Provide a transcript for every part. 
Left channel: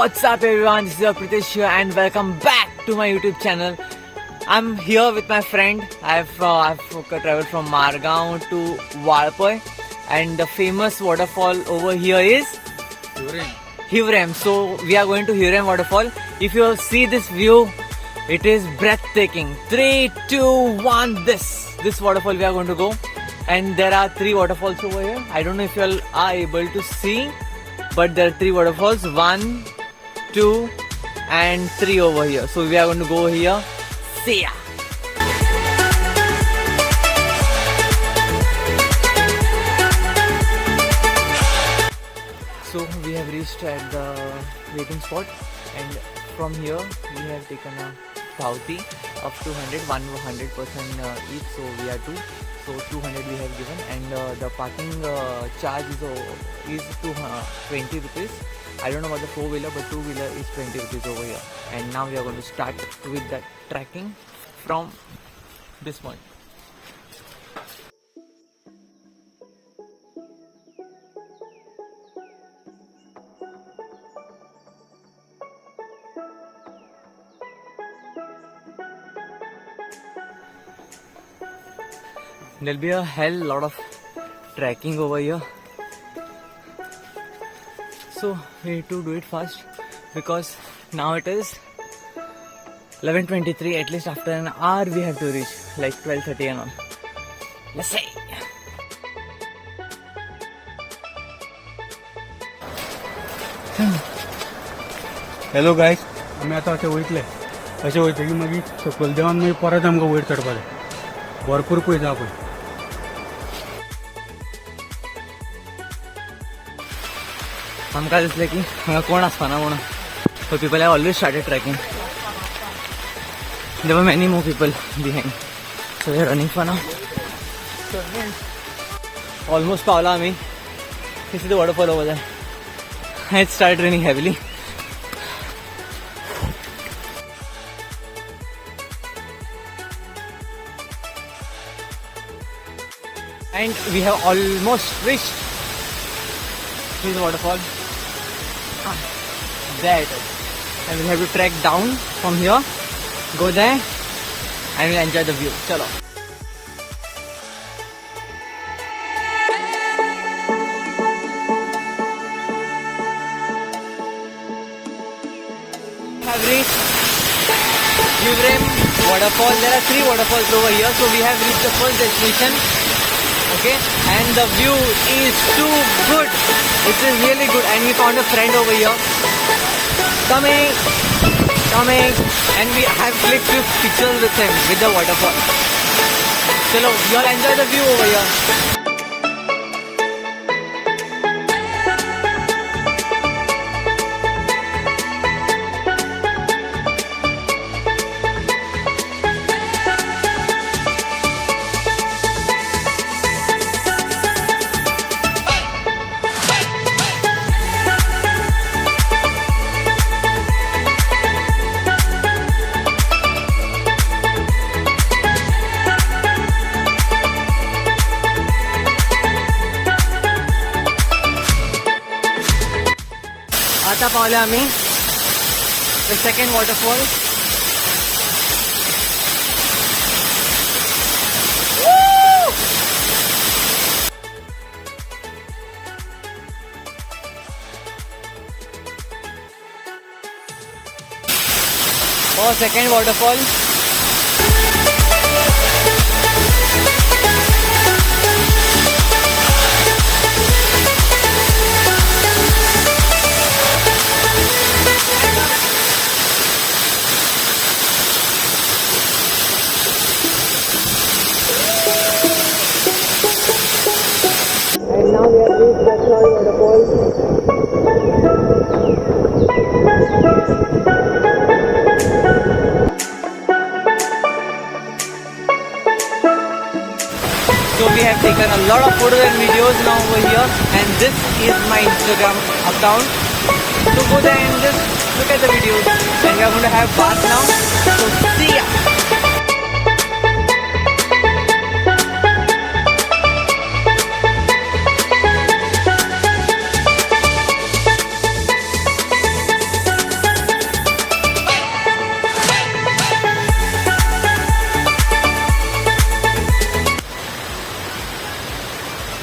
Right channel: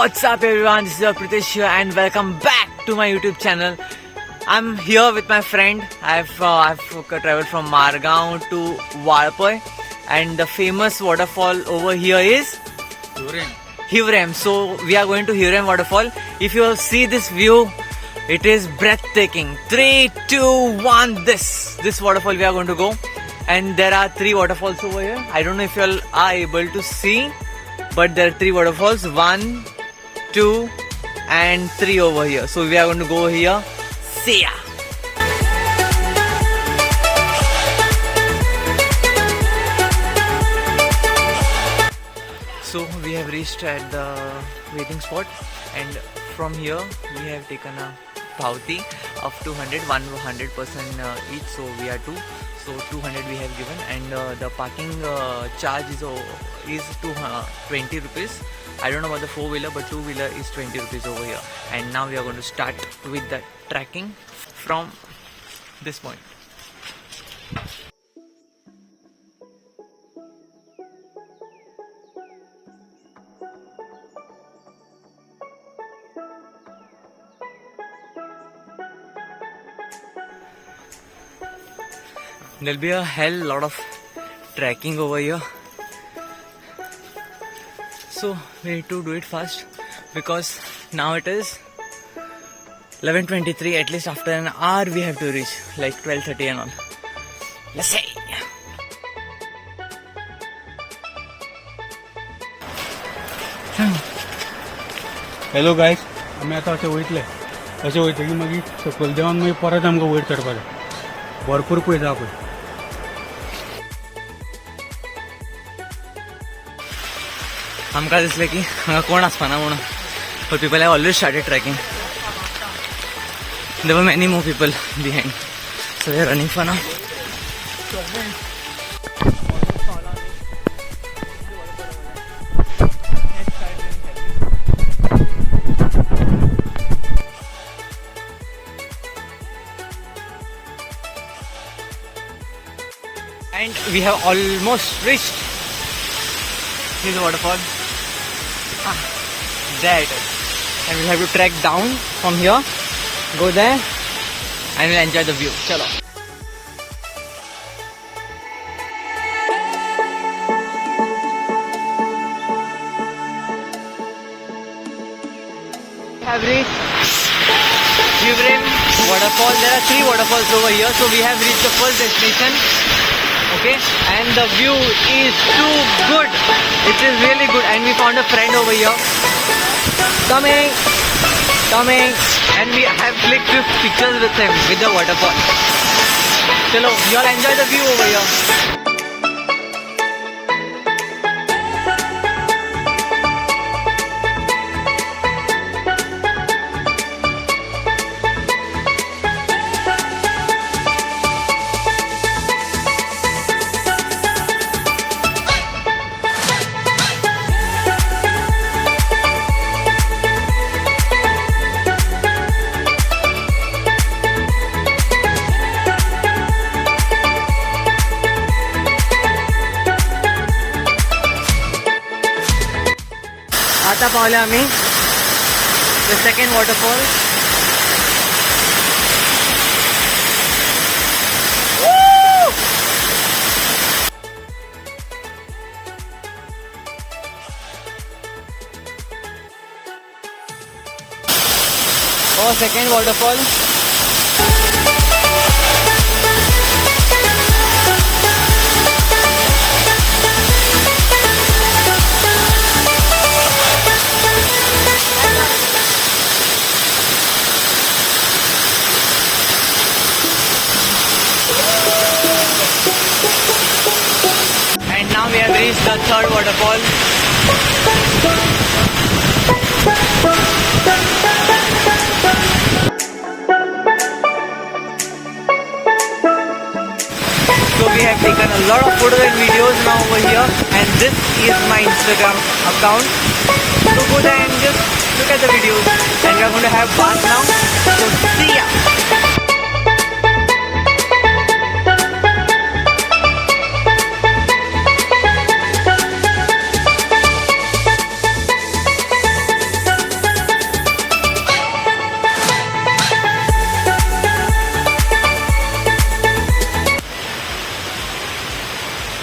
What's up everyone, this is your Pritesh here and welcome back to my YouTube channel. I'm here with my friend. I've traveled from Margaon to WATERFALL and the famous waterfall over here is Heaven. So we are going to Heaven waterfall. If you see this view, it is breathtaking. 3, 2, 1, this waterfall we are going to go. And there are 3 waterfalls over here. I don't know if you all are able to see, but there are 3 waterfalls, 1, 2 and 3 over here. So we are going to go here. See ya. So we have reached at the waiting spot, and from here we have taken a pauti of 200, 100% each. So we are 2. So 200 we have given, and the parking charge is 20 rupees. I don't know about the 4-wheeler, but 2-wheeler is 20 rupees over here. And now we are going to start with the trekking from this point. There'll be a hell lot of trekking over here. So we need to do it fast because now it is 11:23. At least after an hour we have to reach, like 12:30 and all. Let's say. Hello guys, आम्ही आता असे वयतले की मागीर सकयल देवान मागीर परत आमकां वयर चडपा जाय. भरपूर पयस आहा पळय. आमकां दिसलें की हांगा कोण आसपाना म्हणून, but people have already started trekking. There were many more people behind, so we are running for now. Almost पावला आम्ही. This is the waterfall over there. It started raining heavily. And we have almost reached this waterfall. There it is. And we'll have to trek down from here, go there, and we'll enjoy the view. Chalo. Have reached Heaven waterfall. There are 3 waterfalls over here, so we have reached the first destination. Okay, and the view is too good. It is really good, and we found a friend over here. Coming, and we have clicked 2 pictures with him with the waterfall. Chalo, you all enjoy the view over here. आता पावले आम्ही the second waterfall. Woo! Oh, second waterfall. And now we have reached the 3rd waterfall. So we have taken a lot of photos and videos now over here, and this is my Instagram account. So go there and just look at the videos. And we are going to have bath now. So see ya.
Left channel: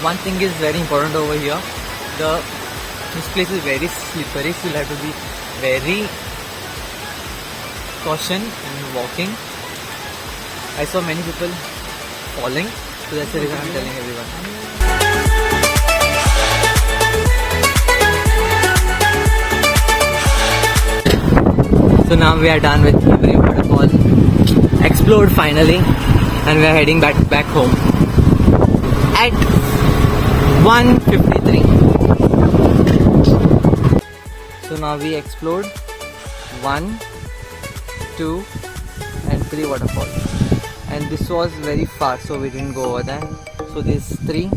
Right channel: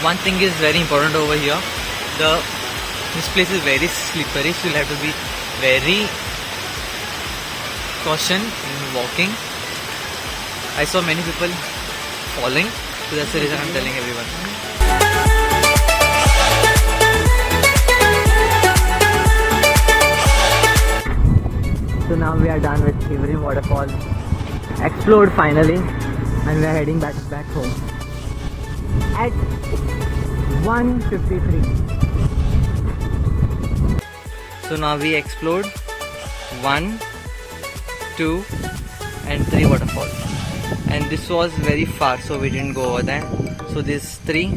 one thing is very important over here. This place is very slippery, so you'll have to be very caution in walking. I saw many people falling, so that's the reason I'm telling everyone. So now we are done with every waterfall, explored finally, and we are heading back home at 1:53. So now we explored 1, 2 and 3 waterfalls, and this was very far, so we didn't go over there. So this 3,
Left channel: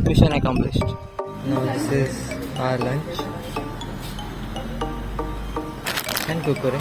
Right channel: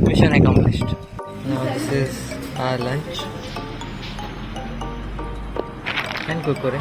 mission accomplished. Now this is our lunch and kurkure.